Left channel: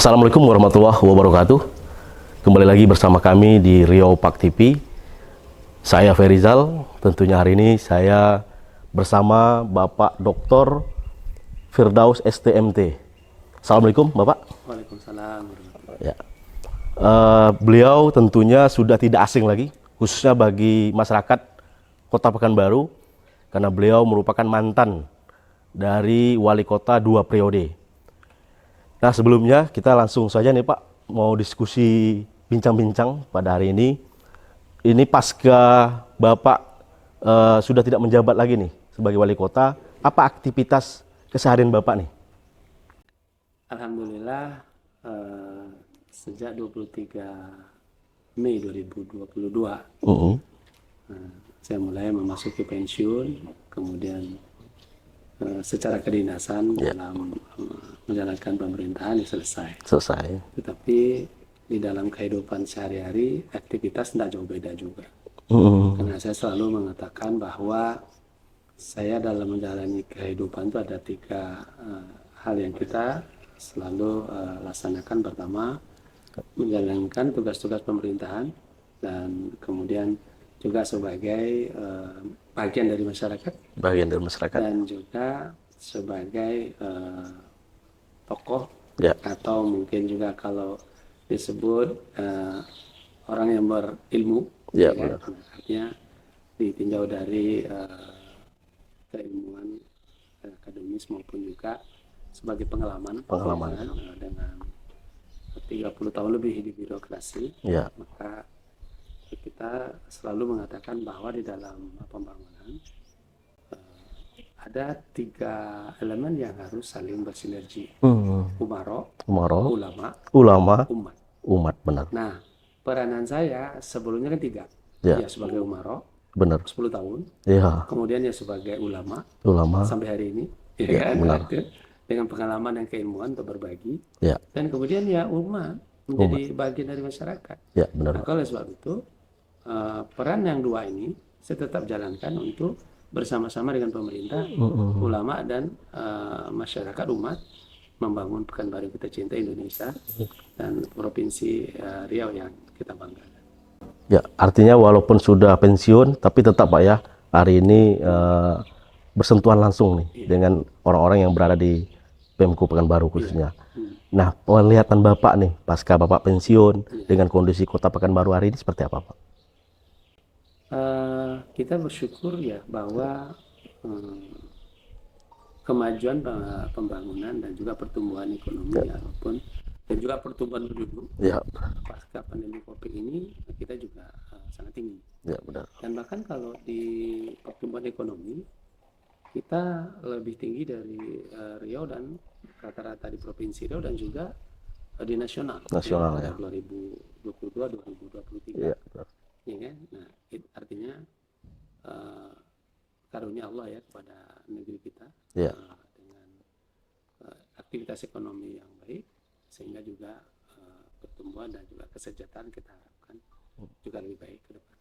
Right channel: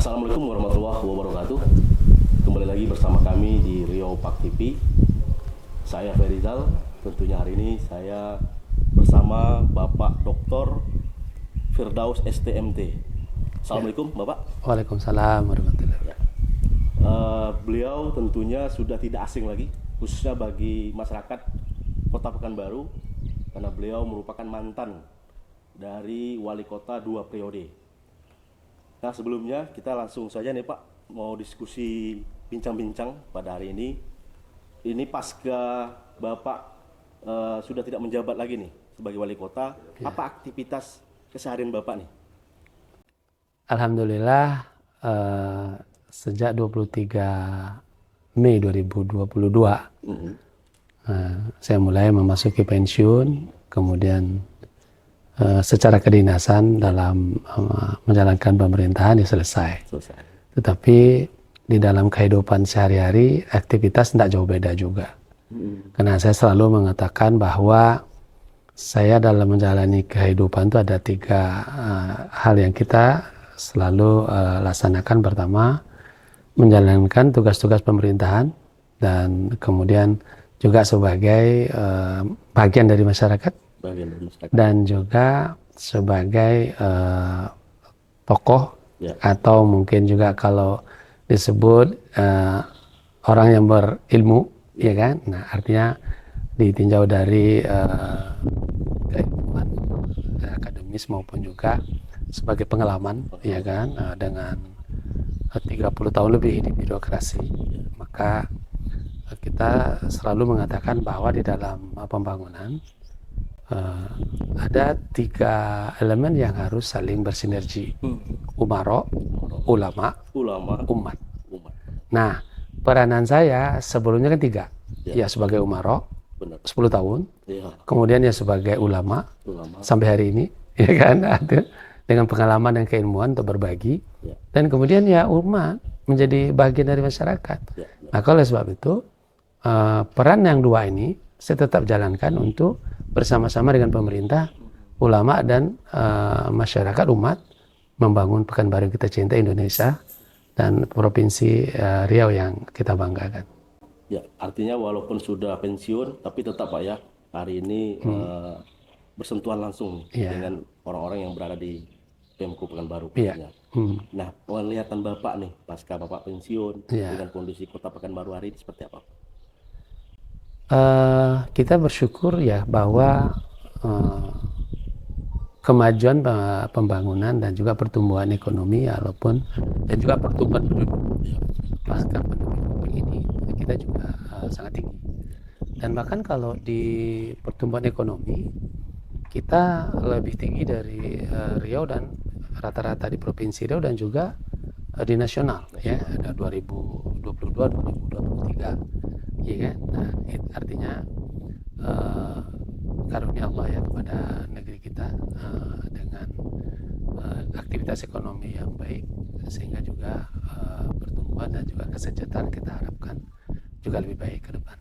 Assalamualaikum warahmatullahi wabarakatuh. Kembali lagi bersama kami di Riau Park TV. Saya Ferizal. Tentunya hari ini saya bersama Bapak Dr. Firdaus STMT. Assalamualaikum Bapak. Waalaikumsalam warahmatullahi Ya. Beliau tentunya sudah tidak asing lagi, khususnya bagi masyarakat Kota Pekanbaru, karena beliau merupakan mantan dari wali kota 2 periode. Nah, sebelumnya kita langsung saja nih Pak, mau diskusi bincang-bincang pada hari ini. Ini pasca Bapak sudah tidak menjabat lagi nih sebagai wali kota, apa aktivitas keseharian Bapak nih? Alhamdulillah, sejak 23 Mei 2022 saya mulai memasuki pensiun, kemudian secara kedinasan dalam menjalankan pemerintahan selesai. Tetapi di dalam kehidupan sehari-hari aktivitas tidak jauh beda juga. Karena saya selalu mengatakan bahwa saya dalam menjalani kehidupan itu ada 3 hal yang kita selalu laksanakan. Pertama, menjalankan tugas-tugas pemerintahan, dan kemudian juga sebagai bagian dari masyarakat, dan juga sebagai tokoh, atau mungkin juga kalau disebut orang yang berilmu, ya kan? Nah, artinya ditinjau dari keilmuan akademis maupun juga sebagai pengalaman. Ya kan? Dengan 30 tahun lebih di birokrasi, maka kita selalu mengatakan bahwa di dalam pembangunan ada 3 elemen yang harus saling bersinergi. Umaro, ulama, umat. Benar. Nah, peranan saya sebelumnya kan 3. Ya, sebagai umaro, 10 tahun. Kemudian ya sebagai ulama sampai hari ini, ya kan? Dengan pengalaman dan keilmuan untuk berbagi. Dan kemudian ya umat menjadi bagian dari masyarakat. Nah, oleh sebab itu peran yang 2 ini saya tetap jalankan untuk bersama-sama dengan pemerintah, ulama, dan masyarakat umat membangun Pekanbaru kita cinta, Indonesia, dan Provinsi Riau yang kita banggakan. Ya, artinya walaupun sudah pensiun, tapi tetap Pak ya, hari ini bersentuhan langsung nih dengan orang-orang yang berada di Pemko Pekanbaru khususnya. Nah, penglihatan Bapak nih, pasca Bapak pensiun, dengan kondisi Kota Pekanbaru hari ini seperti apa Pak? Kita bersyukur ya bahwa kemajuan pembangunan dan juga pertumbuhan ekonomi, walaupun dan juga pertumbuhan penduduk pasca pandemi COVID ini kita juga sangat tinggi. Dan bahkan kalau di pertumbuhan ekonomi kita lebih tinggi dari Riau dan rata-rata di Provinsi Riau dan juga di nasional. Ya, 2022-2023, ya kan? Nah, artinya karunia Allah ya kepada negeri kita dengan aktivitas ekonomi yang baik, sehingga juga pertumbuhan dan juga kesejahteraan kita harapkan juga lebih baik ke depan.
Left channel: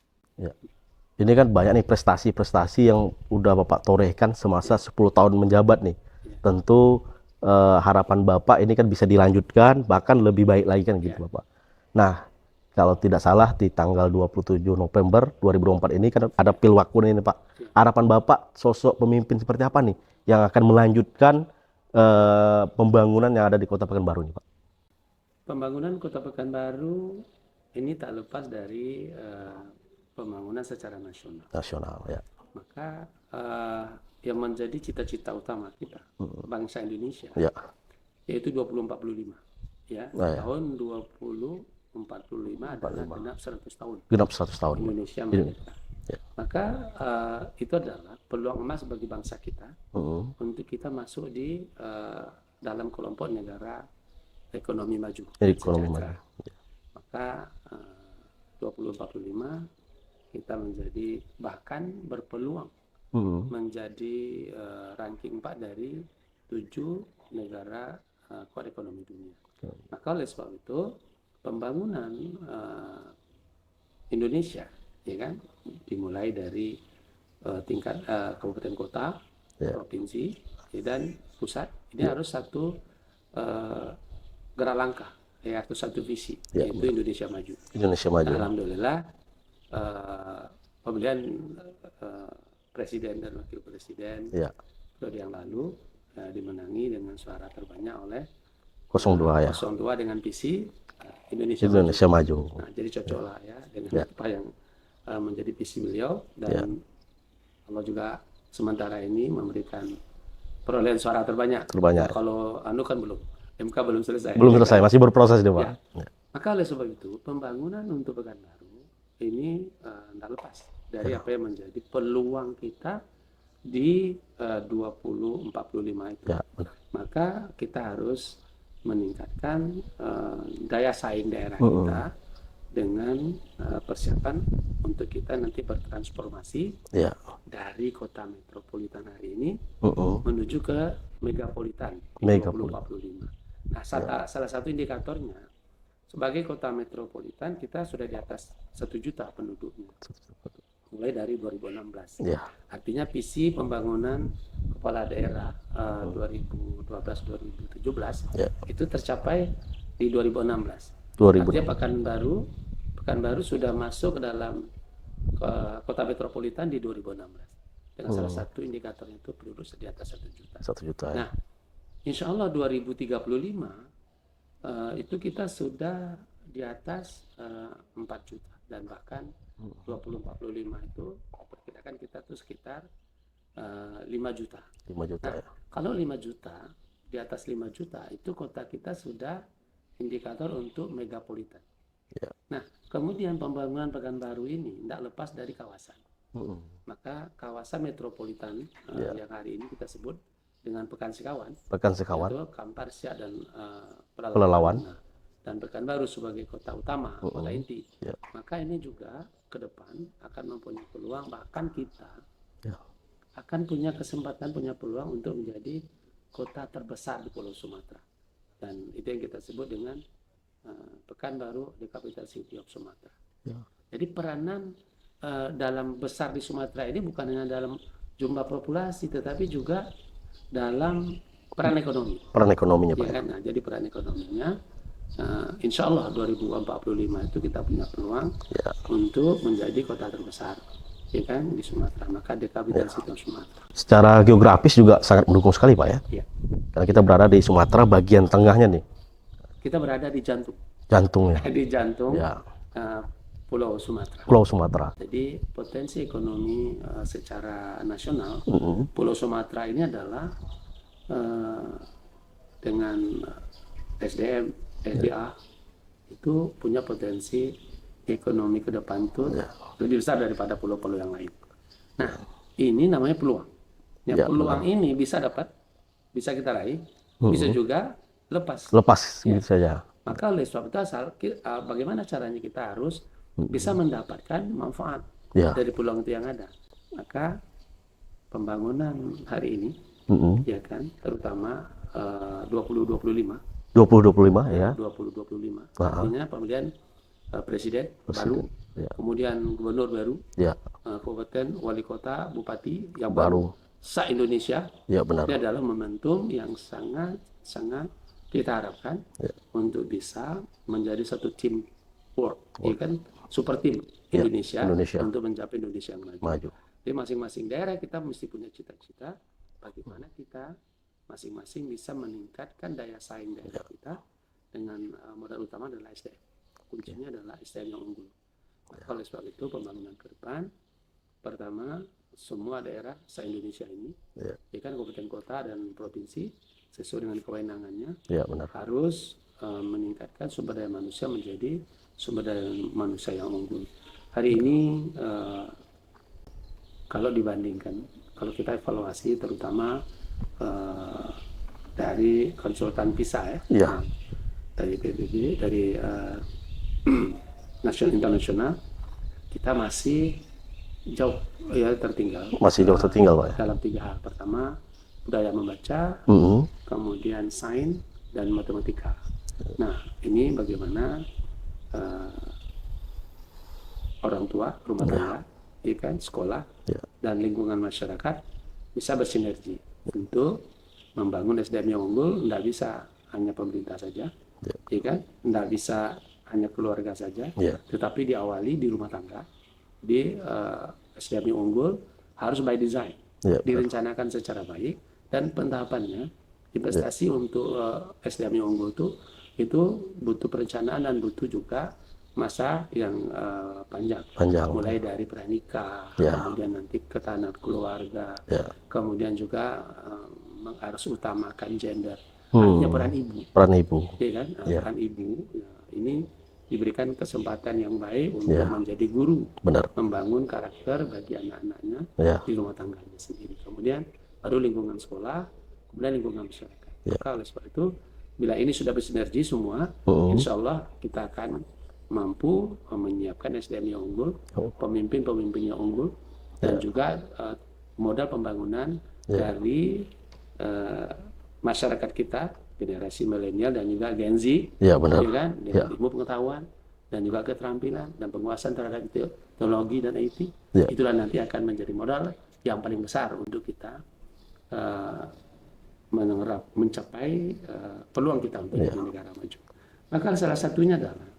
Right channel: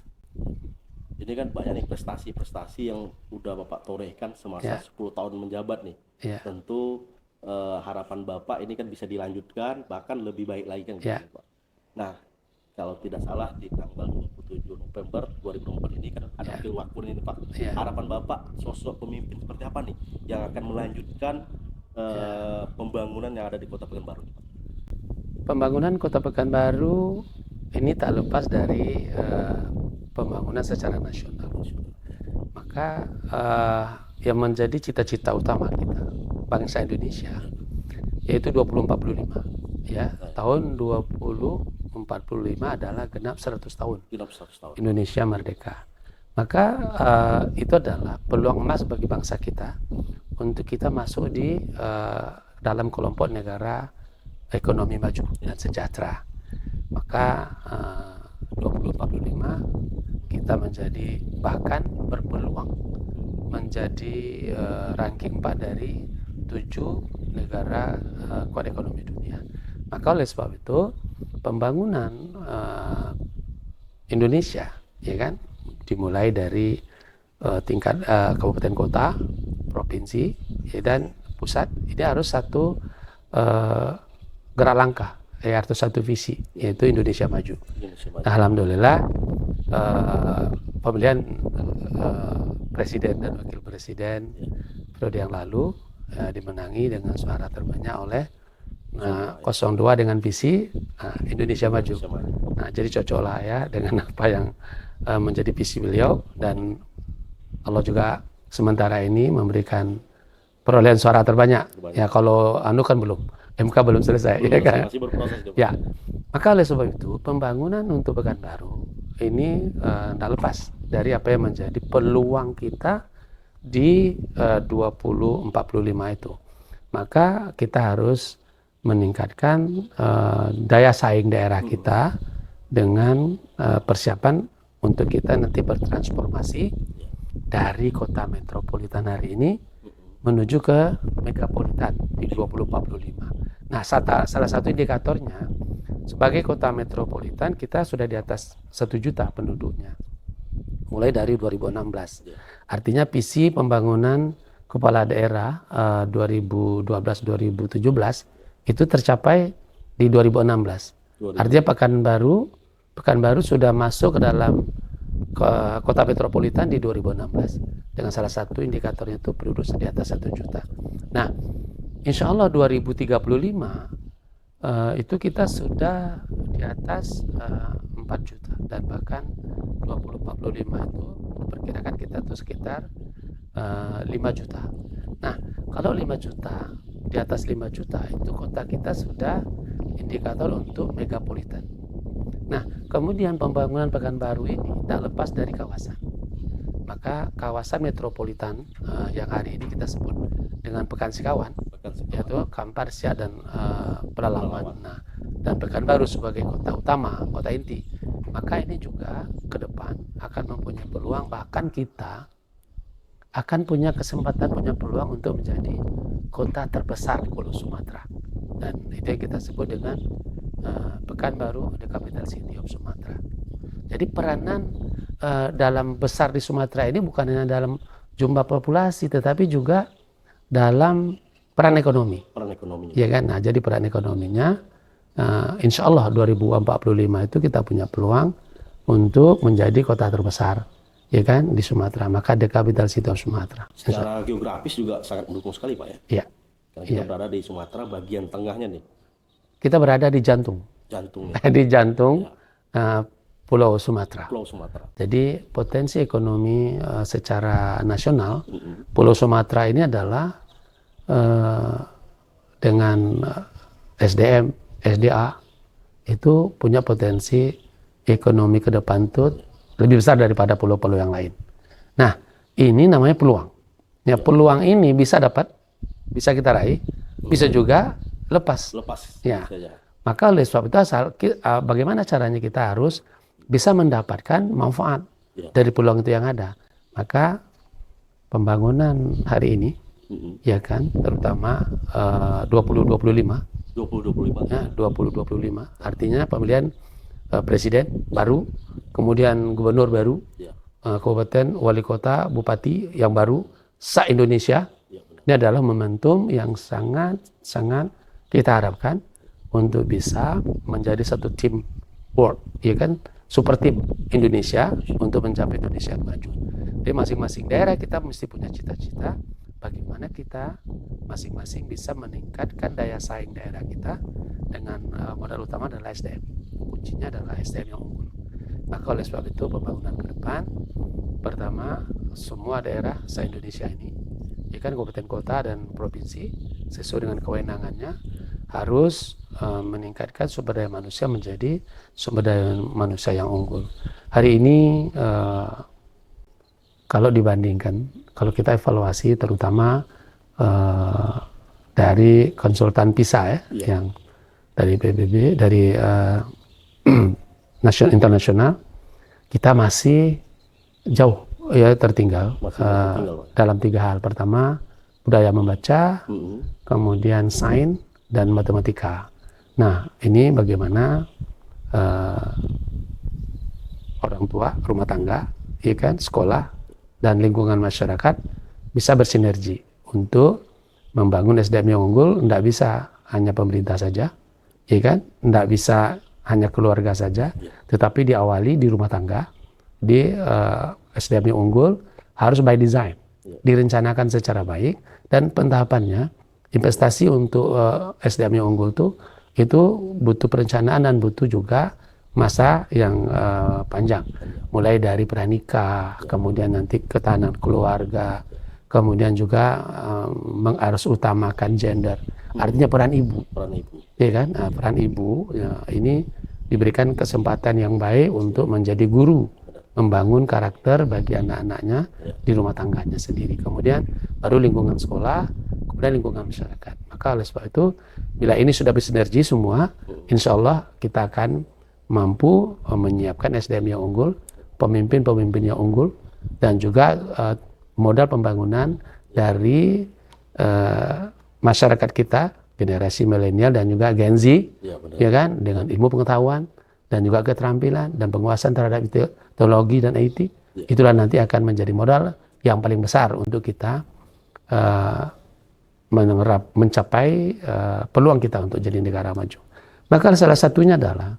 Ini kan banyak nih prestasi-prestasi yang udah Bapak torehkan semasa 10 tahun menjabat nih. Tentu harapan Bapak ini kan bisa dilanjutkan, bahkan lebih baik lagi kan gitu Bapak. Nah, kalau tidak salah di tanggal 27 November 2024 ini kan ada Pilwakun ini Pak. Harapan Bapak sosok pemimpin seperti apa nih yang akan melanjutkan pembangunan yang ada di Kota Pekanbaru ini Pak? Pembangunan Kota Pekanbaru ini tak lepas dari pembangunan secara nasional. Maka yang menjadi cita-cita utama kita, bangsa Indonesia, yaitu 2045. Tahun 2045 adalah genap 100 tahun. Indonesia merdeka. Maka itu adalah peluang emas bagi bangsa kita untuk kita masuk di dalam kelompok negara ekonomi maju dan sejahtera. Maka 2045 kita menjadi, bahkan berpeluang menjadi ranking 4 dari 7 negara kuat ekonomi dunia. Maka oleh sebab itu pembangunan Indonesia, ya kan, dimulai dari tingkat kabupaten kota, provinsi, dan pusat, ini harus satu gerak langkah, atau satu visi, yaitu Indonesia Maju. Indonesia Maju. Nah, alhamdulillah pemilihan presiden dan wakil presiden periode yang lalu dimenangi dengan suara terbanyak oleh 02 02 dengan visi Indonesia Maju. Nah, jadi cocok lah ya dengan apa yang menjadi visi beliau, dan Allah juga sementara ini memberikan perolehan suara terbanyak. Ya, kalau kan belum, MK belum selesai. Belum selesai, masih berproses itu, Pak. Ya. Maka oleh sebab itu pembangunan untuk Pekanbaru ini tidak lepas dari apa yang menjadi peluang kita di 2045 itu. Ya, maka kita harus meningkatkan daya saing daerah kita dengan persiapan untuk kita nanti bertransformasi dari kota metropolitan hari ini menuju ke megapolitan di 2045. Nah, salah satu indikatornya sebagai kota metropolitan kita sudah di atas 1 juta penduduknya mulai dari 2016. Artinya visi pembangunan kepala daerah 2012-2017 itu tercapai di 2016. Artinya Pekanbaru sudah masuk ke dalam kota metropolitan di 2016 dengan salah satu indikatornya itu penduduk di atas 1 juta. Nah, insya Allah 2035 itu kita sudah di atas 4 juta, dan bahkan 2045 itu diperkirakan kita tuh sekitar 5 juta. Nah, kalau 5 juta, di atas 5 juta itu kota kita sudah indikator untuk megapolitan. Nah, kemudian pembangunan Pekanbaru ini tak lepas dari kawasan. Maka kawasan metropolitan yang hari ini kita sebut dengan Pekansikawan, yaitu Kampar, Siak, dan Pelalawan. Nah, dan Pekanbaru sebagai kota utama, kota inti. Maka ini juga ke depan akan mempunyai peluang, bahkan kita akan punya kesempatan, punya peluang untuk menjadi kota terbesar di Pulau Sumatera. Dan itu yang kita sebut dengan Pekanbaru, the capital city of Sumatera. Jadi peranan dalam besar di Sumatera ini bukan hanya dalam jumlah populasi, tetapi juga dalam peran ekonomi. Peran ekonominya. Ya kan? Nah, jadi peran ekonominya, insya Allah 2045 itu kita punya peluang untuk menjadi kota terbesar, ya kan, di Sumatera. Maka the capital city of Sumatera. Secara geografis juga sangat mendukung sekali, Pak, ya. Iya. Karena kita berada di Sumatera bagian tengahnya nih. Kita berada di jantung. Jantung ya. Di jantung Pulau Sumatera. Pulau Sumatera. Jadi potensi ekonomi secara nasional, Pulau Sumatera ini adalah dengan SDM, SDA itu punya potensi ekonomi ke depan itu lebih besar daripada pulau-pulau yang lain. Nah, ini namanya peluang. Ya, peluang ini bisa kita raih, bisa juga lepas ya. Saja. Maka oleh sebab itu bagaimana caranya kita harus bisa mendapatkan manfaat dari peluang itu yang ada. Maka pembangunan hari ini ya kan, terutama 2025 ya. 2025 artinya pemilihan presiden baru, kemudian gubernur baru, kabupaten, wali kota, bupati yang baru se-Indonesia. Benar. Ini adalah momentum yang sangat kita harapkan untuk bisa menjadi satu tim work, ya kan, super tim Indonesia untuk mencapai Indonesia maju. Jadi masing-masing daerah kita mesti punya cita-cita bagaimana kita masing-masing bisa meningkatkan daya saing daerah kita dengan modal utama adalah SDM. Kuncinya adalah SDM yang unggul. Maka oleh sebab itu pembangunan ke depan, pertama semua daerah se-Indonesia ini, ya kan, kabupaten, kota, dan provinsi sesuai dengan kewenangannya harus meningkatkan sumber daya manusia menjadi sumber daya manusia yang unggul. Hari ini kalau dibandingkan, kalau kita evaluasi terutama dari konsultan PISA yang dari PBB, dari internasional, kita masih jauh tertinggal. Masih jauh tertinggal, Pak. Dalam 3 hal. Pertama, budaya membaca, kemudian sains dan matematika. Nah, ini bagaimana orang tua, rumah tangga, ya kan, sekolah, dan lingkungan masyarakat bisa bersinergi untuk membangun SDM yang unggul. Tidak bisa hanya pemerintah saja, ya kan? Nggak bisa hanya keluarga saja, tetapi diawali di rumah tangga, di SDM yang unggul harus by design, direncanakan secara baik, dan pentahapannya investasi untuk SDM yang unggul itu butuh perencanaan dan butuh juga masa yang panjang. Mulai dari pranikah, kemudian nanti ketahanan keluarga, kemudian juga harus utamakan gender, artinya peran ibu. Ya kan? Nah, peran ibu ini diberikan kesempatan yang baik untuk menjadi guru, membangun karakter bagi anak-anaknya di rumah tangganya sendiri. Kemudian baru lingkungan sekolah, kemudian lingkungan masyarakat. Maka oleh sebab itu, bila ini sudah bersinergi semua, insya Allah kita akan mampu menyiapkan SDM yang unggul, pemimpin-pemimpin yang unggul, dan juga modal pembangunan dari masyarakat kita, generasi milenial dan juga Gen Z, ya kan, dengan ilmu pengetahuan dan juga keterampilan dan penguasaan terhadap teknologi dan IT, itulah nanti akan menjadi modal yang paling besar untuk kita mencapai peluang kita untuk jadi negara maju. Maka salah satunya adalah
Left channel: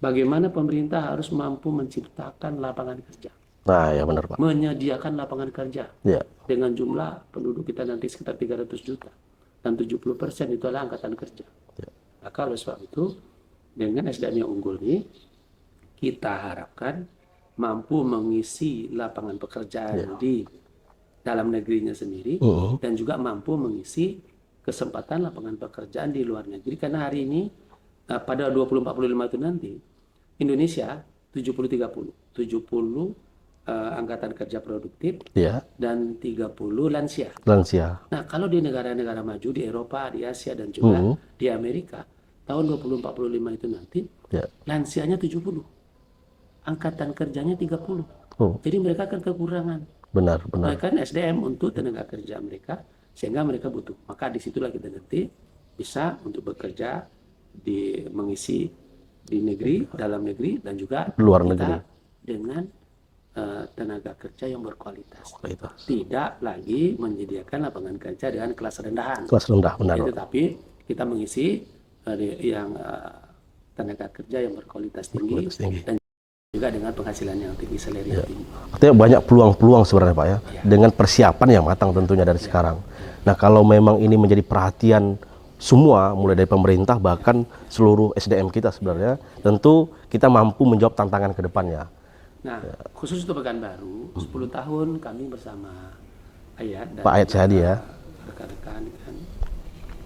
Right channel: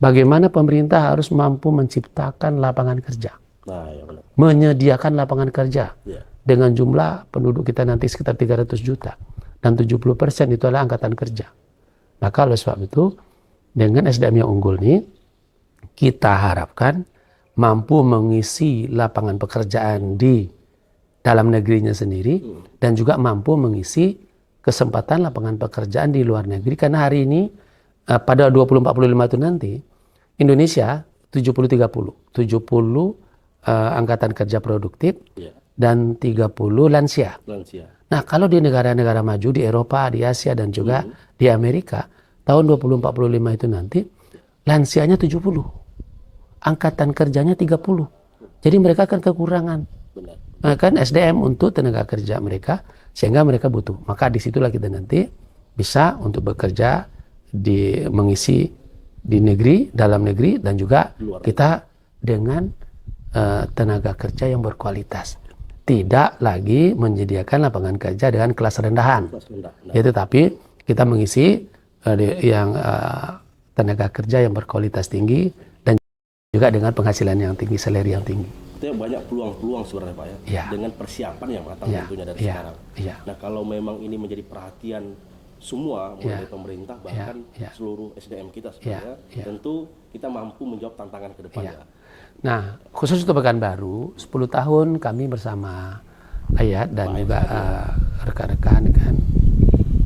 bagaimana pemerintah harus mampu menciptakan lapangan kerja. Nah, ya benar, Pak. Menyediakan lapangan kerja dengan jumlah penduduk kita nanti sekitar 300 juta. Dan 70% itu adalah angkatan kerja. Maka oleh sebab itu, dengan SDM yang unggul ini, kita harapkan mampu mengisi lapangan pekerjaan di dalam negerinya sendiri, dan juga mampu mengisi kesempatan lapangan pekerjaan di luar negeri. Karena hari ini, pada 2045 itu nanti, Indonesia 70-30. 70 angkatan kerja produktif, dan 30 lansia. Nah, kalau di negara-negara maju, di Eropa, di Asia, dan juga di Amerika, tahun 2045 itu nanti, lansianya 70. Angkatan kerjanya 30. Jadi mereka akan kekurangan. Benar. Kan SDM untuk tenaga kerja mereka, sehingga mereka butuh. Maka disitulah kita nanti bisa untuk bekerja, mengisi di negeri, dalam negeri, dan juga luar kita dengan tenaga kerja yang berkualitas. Tidak lagi menyediakan lapangan kerja dengan kelas rendahan. Benar. Tetapi kita mengisi yang tenaga kerja yang berkualitas tinggi, dan juga dengan penghasilan yang tinggi, salary yang tinggi. Artinya banyak peluang-peluang sebenarnya, Pak, ya. Dengan persiapan yang matang tentunya dari sekarang. Nah, kalau memang ini menjadi perhatian semua, mulai dari pemerintah bahkan seluruh SDM kita sebenarnya, tentu kita mampu menjawab tantangan ke depannya. Nah, khusus untuk Pekanbaru, 10 tahun kami bersama Ayat dan Pak Ayat juga rekan-rekan kan,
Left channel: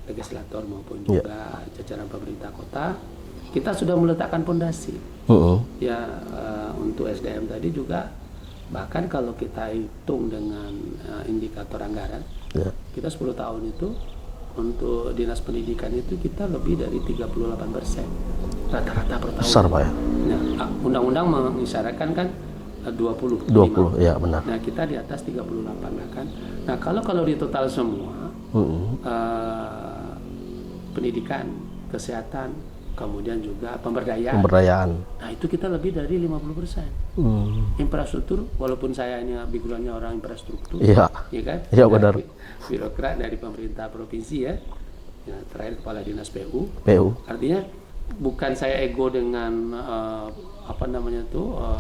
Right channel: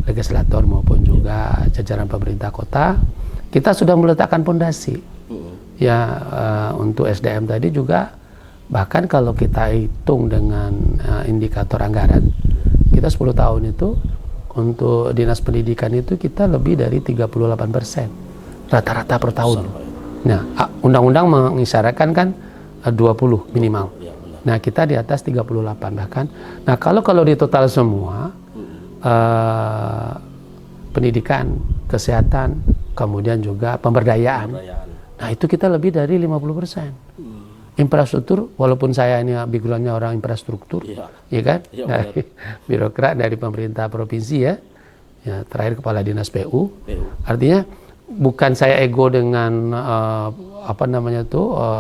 legislator maupun juga jajaran pemerintah kota, kita sudah meletakkan fondasi. Untuk SDM tadi juga, bahkan kalau kita hitung dengan indikator anggaran, kita 10 tahun itu untuk dinas pendidikan itu kita lebih dari 38% rata-rata per tahun. Besar, Pak, ya? Nah, undang-undang mengisyaratkan kan 20 minimal. Ya, benar. Nah, kita di atas 38 bahkan. Nah, kalau di total semua, pendidikan, kesehatan, kemudian juga pemberdayaan. Nah, itu kita lebih dari 50%. Infrastruktur, walaupun saya ini background-nya orang infrastruktur, ya kan? Iya, benar. Birokrat dari pemerintah provinsi ya, terakhir kepala dinas PU. Artinya bukan saya ego dengan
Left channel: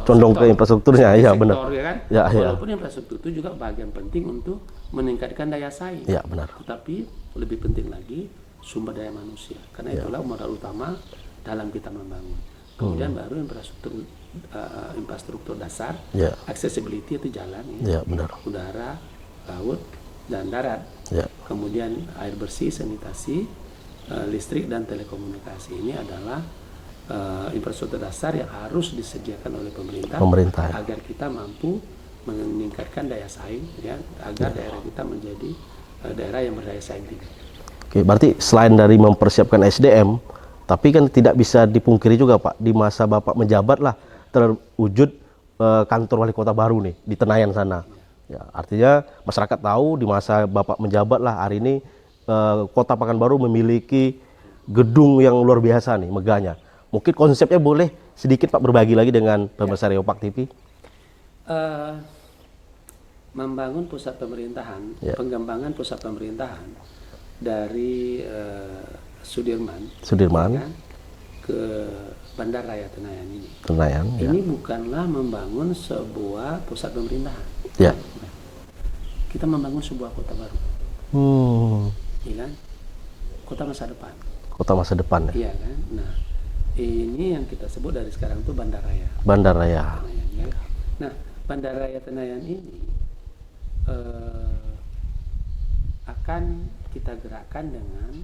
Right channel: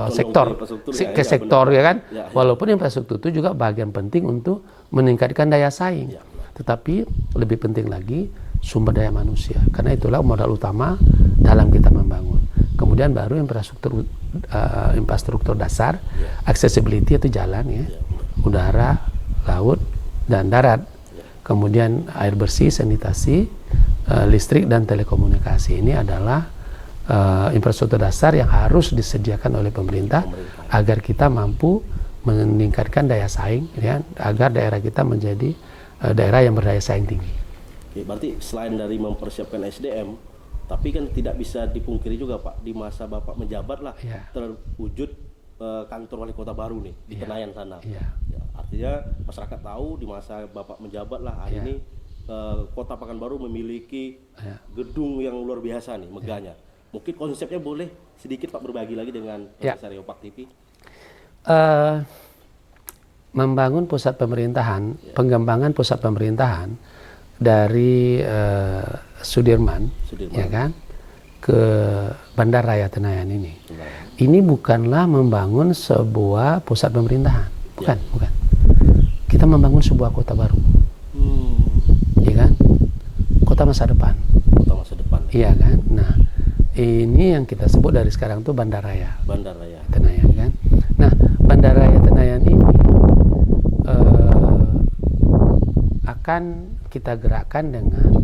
condong ke infrastrukturnya, sektor ya kan. Walaupun infrastruktur itu juga bagian penting untuk meningkatkan daya saing. Benar. Tetapi lebih penting lagi sumber daya manusia, karena itulah modal utama dalam kita membangun. Kemudian baru infrastruktur dasar, accessibility itu jalan udara, laut, dan darat. Kemudian air bersih, sanitasi, listrik, dan telekomunikasi. Ini adalah infrastruktur dasar yang harus disediakan oleh pemerintah. Agar kita mampu meningkatkan daya saing, agar daerah kita menjadi daerah yang berdaya saing tinggi. Oke, berarti selain dari mempersiapkan SDM, tapi kan tidak bisa dipungkiri juga, Pak, di masa Bapak menjabat lah terwujud kantor wali kota baru nih di Tenayan sana. Artinya masyarakat tahu di masa Bapak menjabat lah, hari ini Kota Pekanbaru memiliki gedung yang luar biasa nih, megahnya. Mungkin konsepnya boleh sedikit Pak berbagi lagi dengan pemirsa Reopak TV. Membangun pusat pemerintahan, pengembangan pusat pemerintahan dari Sudirman. Ya kan? ke Bandar Raya Tenayan ini. Tenayan. Ini bukanlah membangun sebuah pusat pemerintahan, bukan, bukan. Kita membangun sebuah kota baru, iya kan? Kota masa depan. Kota masa depan. Iya kan? Nah, ini yang kita sebut dari sekarang tuh Bandar Raya. Bandar Raya Tenayan kan? Nah, Bandar Raya Tenayan ini akan kita gerakkan dengan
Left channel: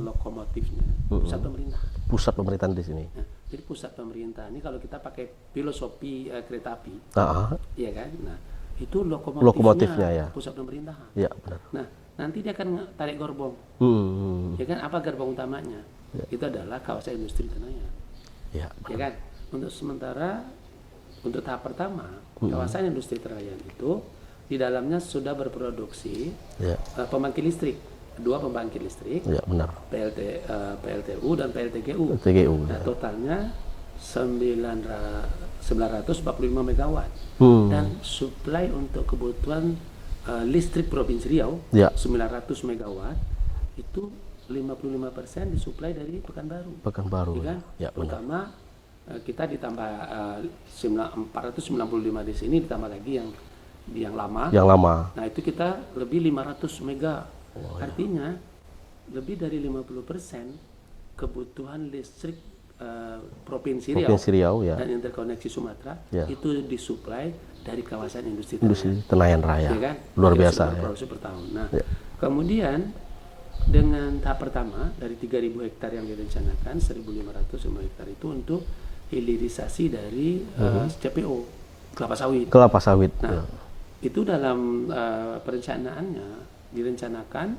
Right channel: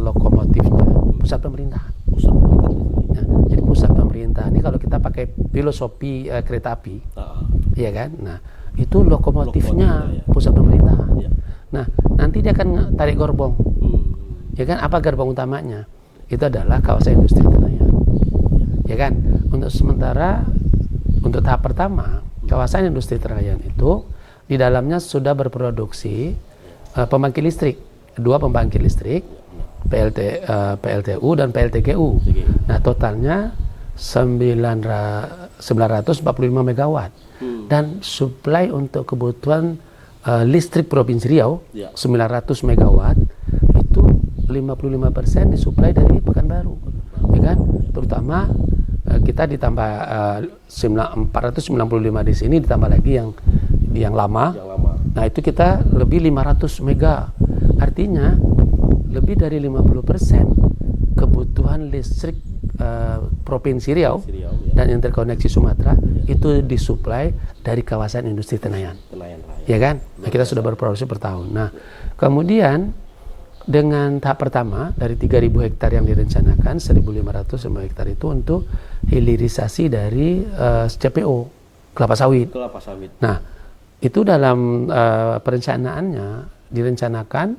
lokomotifnya pusat pemerintahan. Pusat pemerintahan di sini. Nah, jadi pusat pemerintahan ini kalau kita pakai filosofi kereta api, iya kan? Nah, itu lokomotifnya ya. Pusat pemerintahan. Ya. Nah, nanti dia akan tarik gerbong. Ya kan? Apa gerbong utamanya? Ya. Itu adalah kawasan industri Tenayan. Ya kan? Untuk sementara, untuk tahap pertama, kawasan industri Tenayan itu di dalamnya sudah berproduksi pembangkit listrik, 2 pembangkit listrik, benar. PLTU dan PLTGU. Nah, totalnya 945 megawatt. Dan suplai untuk kebutuhan listrik Provinsi Riau 900 megawatt itu 55% disuplai dari Pekanbaru. Ya kan? Terutama kita ditambah 495 di sini, ditambah lagi yang lama. Nah, itu kita lebih 500 mega. Artinya lebih dari 50% kebutuhan listrik Provinsi Riau dan interkoneksi Sumatera itu disuplai dari kawasan industri Tenayan Raya. Ya kan? Luar kita biasa, sudah berproduksi per tahun. Nah, kemudian dengan tahap pertama dari 3.000 hektar yang direncanakan, 1.500 semua hektar itu untuk hilirisasi dari CPO, kelapa sawit. Nah, itu dalam perencanaannya direncanakan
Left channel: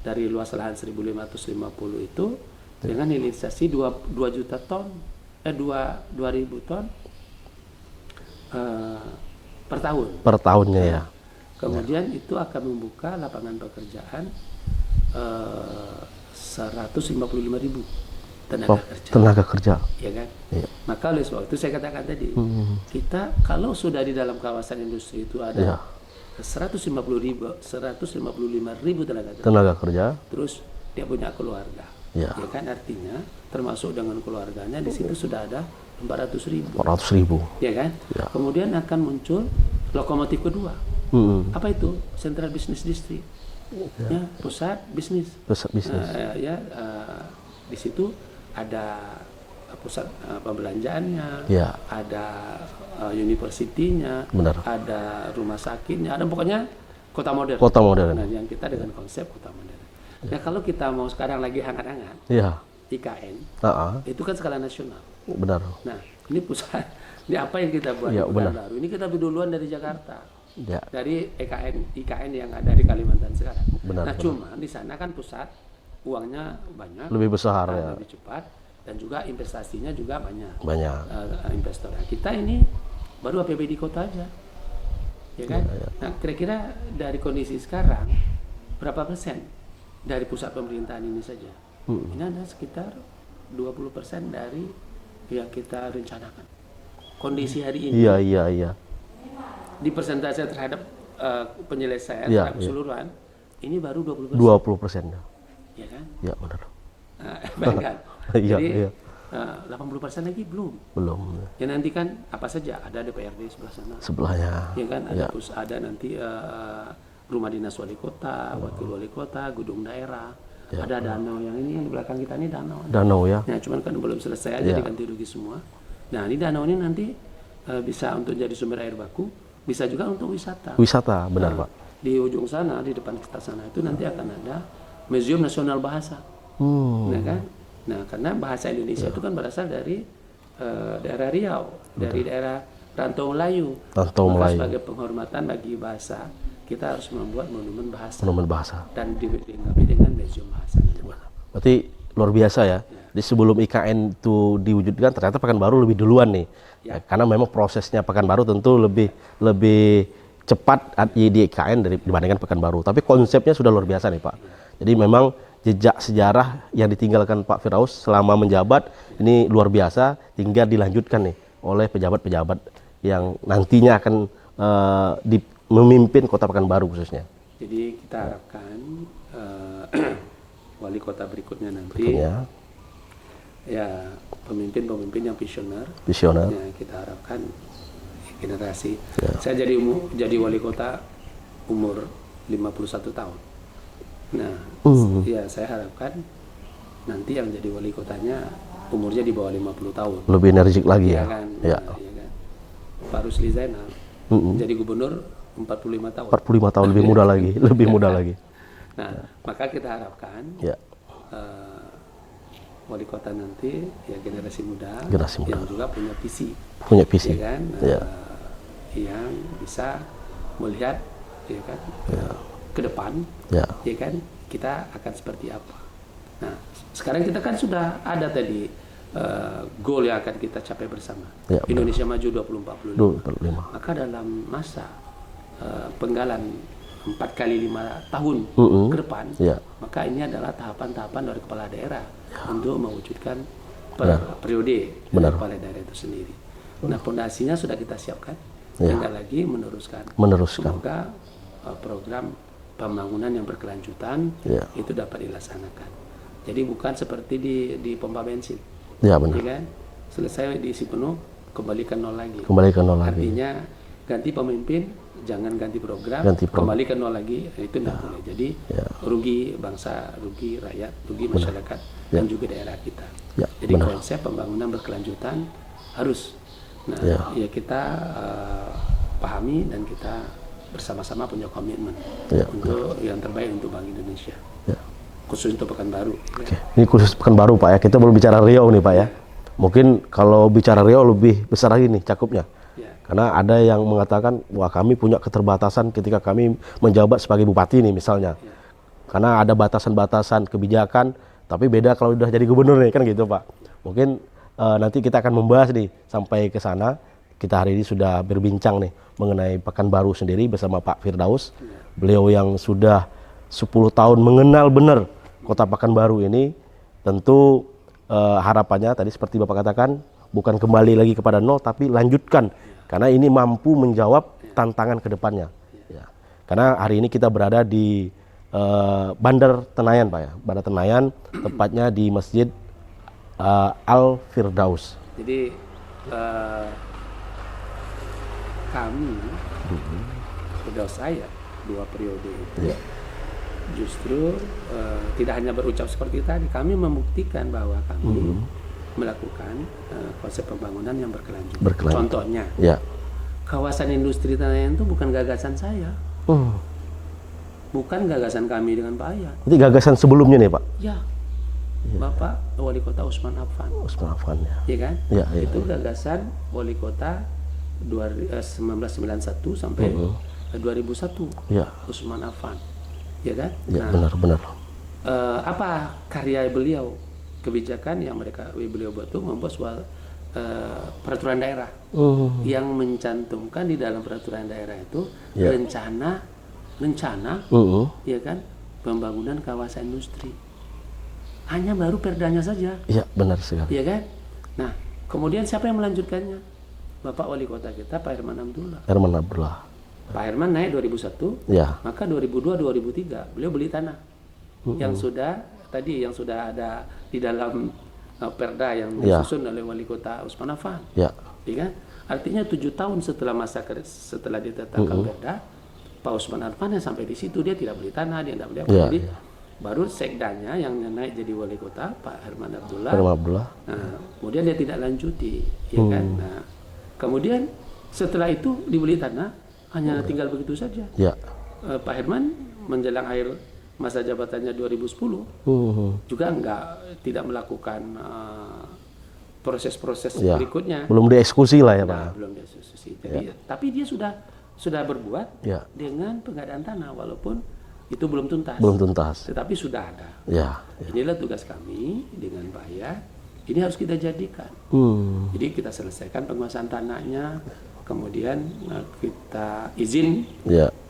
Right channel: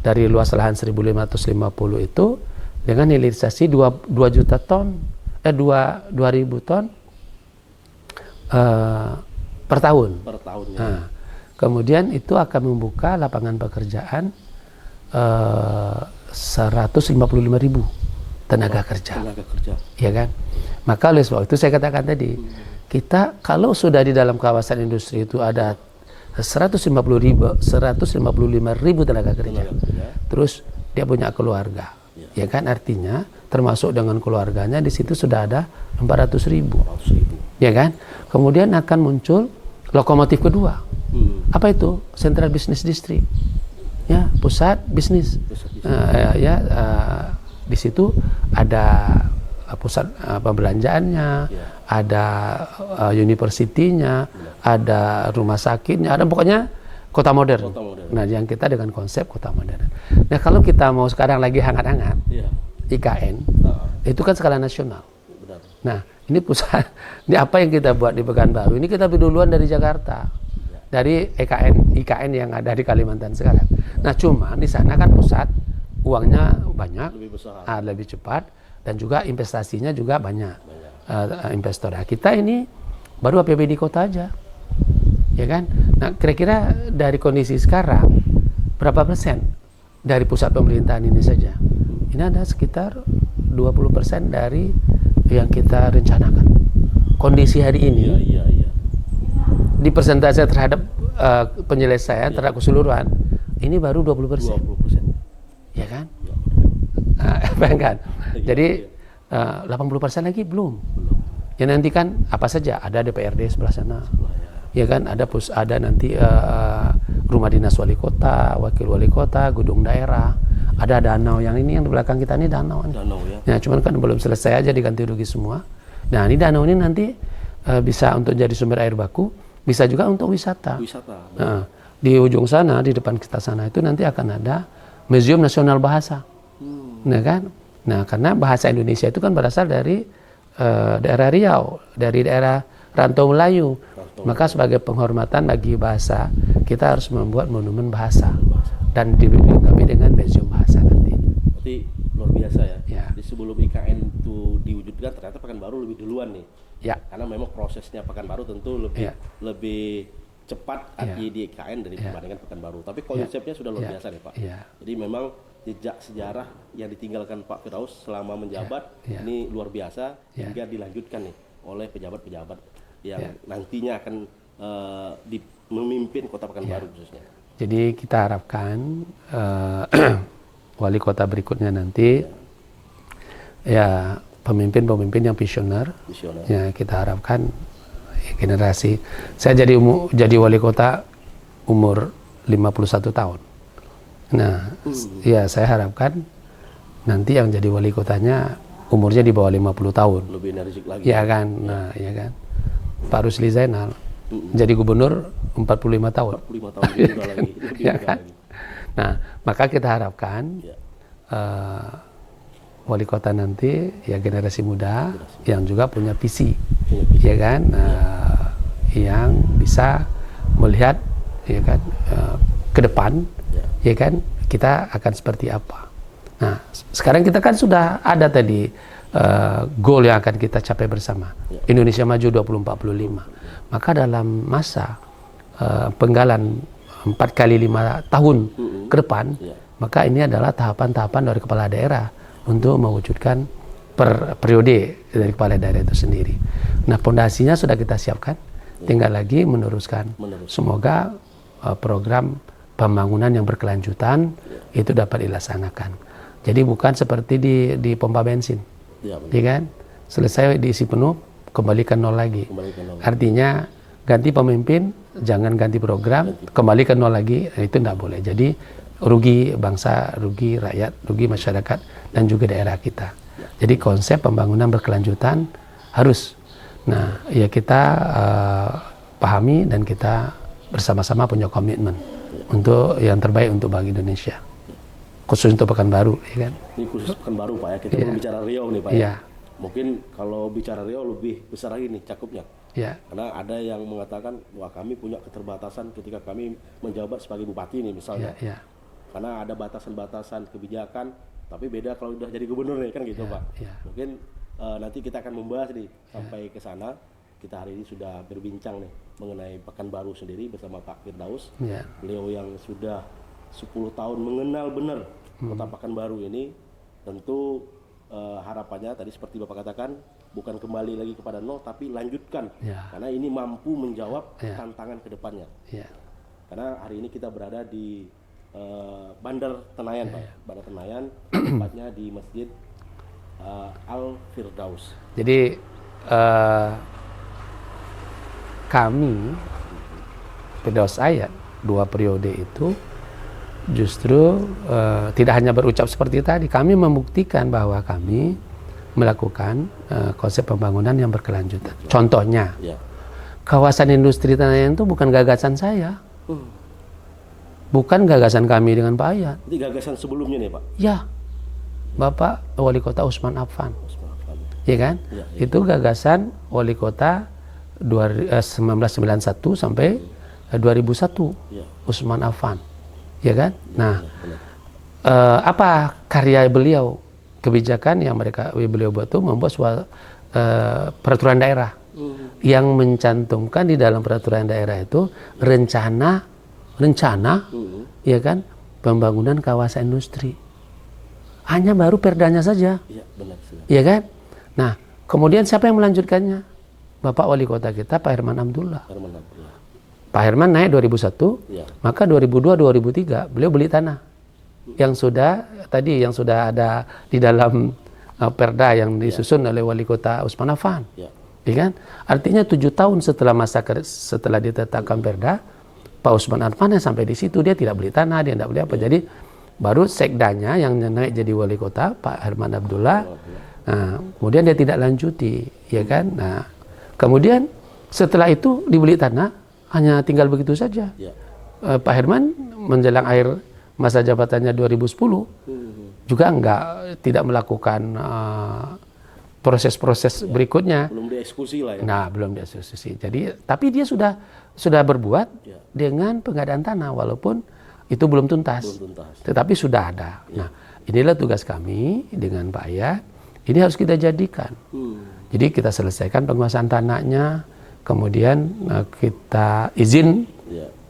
dari luas lahan 1.550 itu dengan hilirisasi 2 juta ton, 2.000 ton per tahun. Per tahunnya. Ya. Kemudian itu akan membuka lapangan pekerjaan 155.000 tenaga kerja. Iya kan? Ya. Maka oleh sebab itu saya katakan tadi, kita kalau sudah di dalam kawasan industri itu ada 155.000 tenaga kerja. Terus dia punya keluarga. Ya kan, artinya termasuk dengan keluarganya di situ sudah ada 400.000. Ya kan? Ya. Kemudian akan muncul lokomotif kedua. Apa itu? Central Business District. Ya, pusat bisnis. Di situ ada pusat pembelanjaannya, ada universitinya, ada rumah sakitnya, ada pokoknya kota modern. Nah, yang kita dengan konsep kota modern. Nah, kalau kita mau sekarang lagi hangat-hangat, IKN, itu kan skala nasional. Benar. Nah, ini pusat, ini apa yang kita buat di Pekanbaru? Ini kita lebih duluan dari Jakarta, dari IKN yang ada di Kalimantan sekarang. Benar. Nah, cuma di sana kan pusat uangnya banyak, lebih besar, lebih cepat, dan juga investasinya juga banyak. Investor. Nah, kita ini baru APBD kota aja, ya kan? Nah, kira-kira dari kondisi sekarang berapa persen dari pusat pemerintahan ini saja? Ini ada sekitar 20% dari yang kita rencanakan. Kondisi hari ini. Iya. Di persentase terhadap penyelesaian terhadap keseluruhan, ini baru 20%. 20%. Ya kan? Ya, benar. Bayangkan. Jadi 80% lagi belum. Ya, nanti kan apa saja, ada DPRD sebelah sana. Sebelahnya. Ya kan, ada nanti rumah dinas wali kota, wakil wali kota, gedung daerah. Ada danau yang ini yang di belakang kita ini danau. Danau ya. Ya, cuman kan belum selesai aja diganti rugi semua. Nah, ini danau ini nanti bisa untuk jadi sumber air baku, bisa juga untuk wisata. Wisata, benar Pak. Di ujung sana, di depan kita sana itu nanti akan ada Museum Nasional Bahasa. Nah kan? Nah, karena bahasa Indonesia itu kan berasal dari daerah Riau, dari daerah Rantau Melayu. Maka sebagai penghormatan bagi bahasa, kita harus membuat monumen bahasa. Dan dilengkapi dengan Museum Bahasa. Berarti luar biasa ya. Di sebelum IKN itu diwujudkan, ternyata Pekanbaru lebih duluan nih. Karena memang prosesnya Pekanbaru tentu lebih cepat di IKN dibandingkan Pekanbaru. Tapi konsepnya sudah luar biasa nih Pak. Jadi memang jejak sejarah yang ditinggalkan Pak Firdaus selama menjabat ini luar biasa hingga dilanjutkan nih oleh pejabat-pejabat yang nantinya akan memimpin Kota Pekanbaru khususnya. Jadi kita harapkan wali kota berikutnya nanti pemimpin-pemimpin yang visioner. Ya, kita harapkan generasi. Saya jadi wali kota umur 51 tahun. Nah, ya saya harapkan nanti yang jadi wali kotanya umurnya di bawah 50 tahun. Lebih energik lagi. Ya kan, nah, ya kan. Pak Rusli Zainal jadi gubernur 45 tahun. 45 tahun lebih muda lagi, lebih muda lagi. Nah, maka kita harapkan wali kota nanti ya generasi muda yang juga punya visi, ya kan, yang bisa melihat, ya kan, ke depan, ya kan, kita akan seperti apa. Nah, sekarang kita kan sudah ada tadi goal yang akan kita capai bersama, Indonesia Maju 2045. Maka dalam masa penggalan 4 kali 5 tahun ke depan, maka ini adalah tahapan-tahapan dari kepala daerah untuk mewujudkan periode dari kepala daerah itu sendiri. Nah, pondasinya sudah kita siapkan, tinggal lagi meneruskan. Semoga program pembangunan yang berkelanjutan itu dapat dilaksanakan. Jadi bukan seperti di pompa bensin, ya kan? Selesai diisi penuh, kembalikan nol lagi. Artinya ganti pemimpin, jangan ganti program, kembali ke nol lagi, itu tidak boleh. Jadi rugi bangsa, rugi rakyat, rugi masyarakat, dan juga daerah kita. Jadi konsep pembangunan berkelanjutan harus. Nah, ya kita pahami dan kita bersama-sama punya komitmen untuk yang terbaik untuk bagi Indonesia. Khusus untuk Pekanbaru. Ya kan? Ini khusus Pekanbaru, Pak ya. Kita belum bicara Riau nih, Pak ya. Mungkin kalau bicara Riau lebih besar lagi nih cakupnya. Karena ada yang mengatakan, wah kami punya keterbatasan ketika kami menjabat sebagai bupati nih misalnya. Karena ada batasan-batasan kebijakan, tapi beda kalau udah jadi gubernur nih, kan gitu Pak. Mungkin nanti kita akan membahas nih sampai ke sana. Kita hari ini sudah berbincang nih mengenai Pekanbaru sendiri bersama Pak Firdaus. Beliau yang sudah 10 tahun mengenal benar kota Pekanbaru ini. Tentu harapannya tadi seperti Bapak katakan, bukan kembali lagi kepada nol, tapi lanjutkan. Karena ini mampu menjawab tantangan ke depannya. Karena hari ini kita berada di Bandar Tenayan, Pak ya. Bandar Tenayan, tepatnya di Masjid Al Firdaus. Jadi kami, Firdaus saya, 2 periode itu justru tidak hanya berucap seperti tadi, kami membuktikan bahwa kami melakukan konsep pembangunan yang berkelanjutan. Contohnya, kawasan industri Tenayan itu bukan gagasan saya, bukan gagasan kami dengan Pak Ayat. Itu gagasan sebelumnya nih Pak? Ya, Bapak Wali Kota Usman Affan. Ya kan? Itu gagasan Wali Kota 1991 sampai 2001, Usman Affan. Ya kan? Nah, benar. Apa karya beliau? Kebijakan yang beliau buat itu membuat peraturan daerah yang mencantumkan di dalam peraturan daerah itu rencana ya kan, pembangunan kawasan industri. Hanya baru perdanya saja. Iya, benar sekali. Ya kan? Nah, kemudian siapa yang melanjutkannya? Bapak Wali Kota kita, Pak Herman Abdullah. Pak Herman naik 2001, maka 2002-2003 beliau beli tanah yang sudah ada di dalam perda yang disusun oleh Wali Kota Usman Affan. Ya kan? Artinya 7 tahun setelah ditetapkan perda, Pak Usman Affan yang sampai di situ dia tidak beli tanah, dia tidak beli apa. Jadi baru sekdanya yang naik jadi Wali Kota Pak Herman Abdullah. Nah, kemudian dia tidak lanjuti, ya kan? Nah, kemudian setelah itu dibeli tanah, hanya tinggal begitu saja. Pak Herman menjelang akhir masa jabatannya 2010 juga tidak melakukan proses-proses berikutnya. Belum dieksekusi lah ya. Nah, belum dieksekusi. Jadi tapi dia sudah berbuat dengan pengadaan tanah walaupun itu belum tuntas. Tetapi sudah ada. Inilah tugas kami dengan Pak Ayat. Ini harus kita jadikan. Jadi kita selesaikan penguasaan tanahnya. Kemudian kita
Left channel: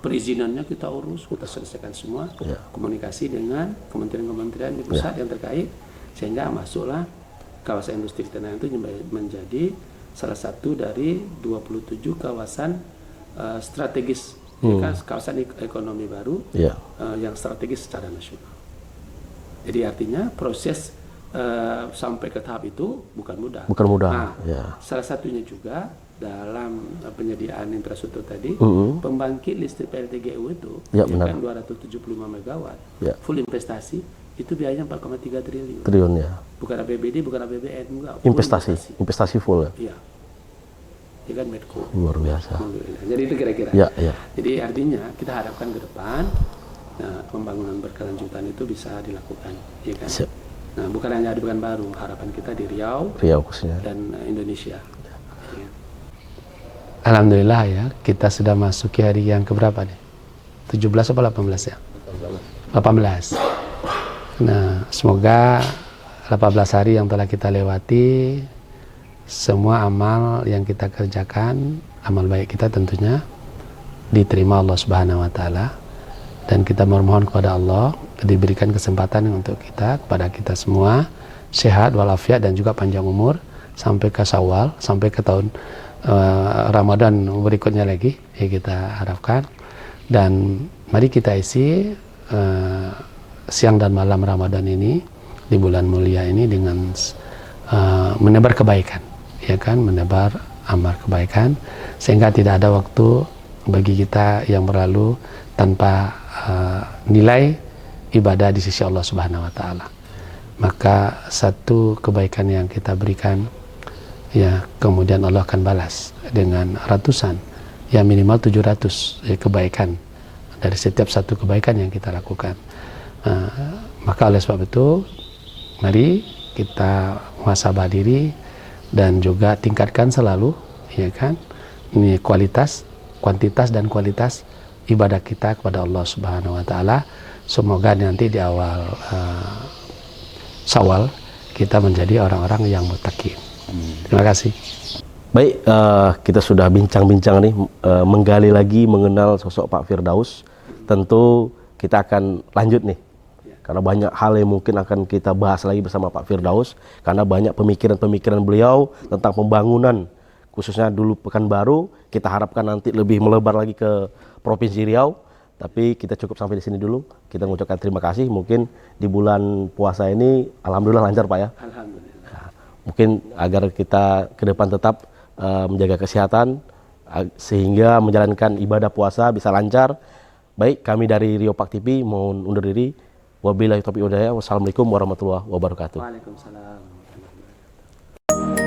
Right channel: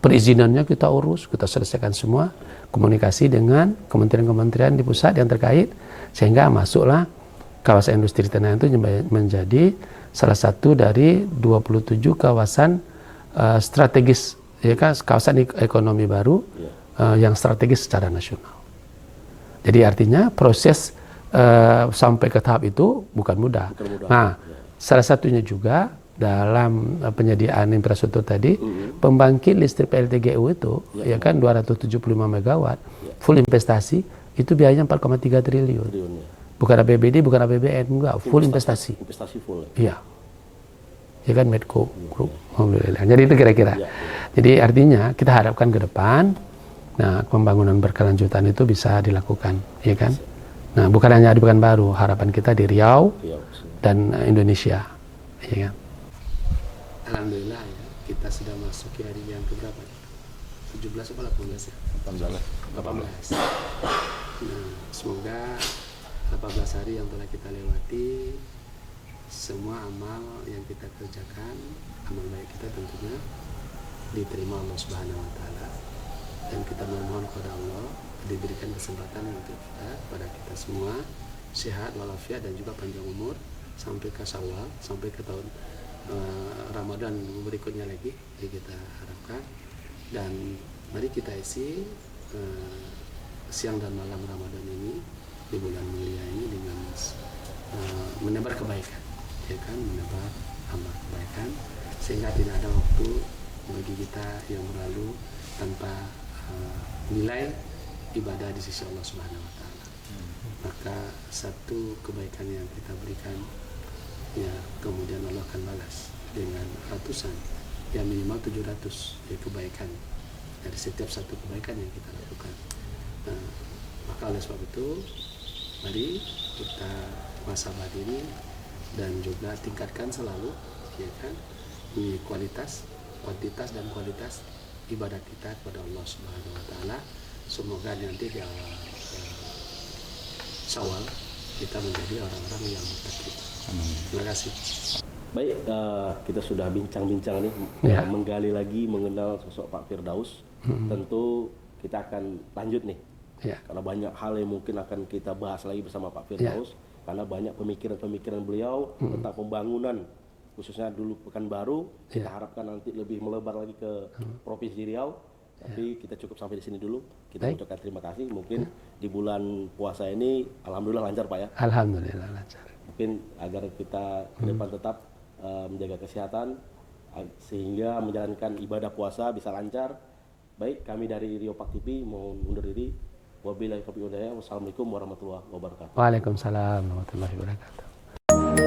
perizinannya kita urus, kita selesaikan semua, komunikasi dengan kementerian-kementerian di pusat yang terkait, sehingga masuklah kawasan industri Tenayan itu menjadi salah satu dari 27 kawasan strategis, kawasan ekonomi baru yang strategis secara nasional. Jadi artinya proses sampai ke tahap itu bukan mudah. Bukan mudah. Nah, salah satunya juga dalam penyediaan infrastruktur tadi, pembangkit listrik PLTGU itu, ya kan 275 megawatt, full investasi, itu biayanya 4,3 triliun. Ya. Bukan APBD, bukan APBN, enggak, full investasi. Investasi full ya? Iya. Ya kan Medco. Luar biasa. Alhamdulillah. Jadi itu kira-kira. Jadi artinya kita harapkan ke depan, nah pembangunan berkelanjutan itu bisa dilakukan, ya kan? Siap. Nah, bukan hanya di Pekanbaru, harapan kita di Riau khususnya, dan Indonesia. Ya kan? Alhamdulillah ya, kita sudah masuki hari yang keberapa nih? 17 atau 18 ya? 18. Nah, semoga 18 hari yang telah kita lewati, semua amal yang kita kerjakan, amal baik kita tentunya diterima Allah Subhanahu wa taala, dan kita memohon kepada Allah diberikan kesempatan untuk kita, kepada kita semua sehat walafiat dan juga panjang umur sampai ke Syawal, sampai ke tahun Ramadan berikutnya lagi, ya kita harapkan. Dan mari kita isi siang dan malam Ramadan ini di bulan mulia ini dengan menebar kebaikan, ya kan, menebar amal kebaikan, sehingga tidak ada waktu bagi kita yang berlalu tanpa nilai ibadah di sisi Allah Subhanahu wa taala. Maka satu kebaikan yang kita berikan, ya kemudian Allah akan balas dengan ratusan, ya minimal 700 ya, kebaikan dari setiap satu kebaikan yang kita lakukan. Maka oleh sebab itu, mari kita muhasabah diri dan juga tingkatkan selalu, ya kan, ini kualitas, kuantitas dan kualitas ibadah kita kepada Allah Subhanahu wa taala. Semoga nanti di awal Syawal kita menjadi orang-orang yang muttaqin. Terima kasih. Baik, kita sudah bincang-bincang nih, menggali lagi mengenal sosok Pak Firdaus. Tentu kita akan lanjut nih, karena banyak hal yang mungkin akan kita bahas lagi bersama Pak Firdaus, karena banyak pemikiran-pemikiran beliau tentang pembangunan, khususnya dulu Pekanbaru. Kita harapkan nanti lebih melebar lagi ke Provinsi Riau. Tapi kita cukup sampai di sini dulu. Kita mengucapkan terima kasih. Mungkin di bulan puasa ini, alhamdulillah lancar Pak ya. Alhamdulillah. Mungkin agar kita ke depan tetap menjaga kesehatan, sehingga menjalankan ibadah puasa bisa lancar. Baik, kami dari Rio Pak TV mohon undur diri. Wabillahi taufiq wal hidayah. Wassalamualaikum warahmatullahi wabarakatuh. Waalaikumsalam warahmatullahi wabarakatuh.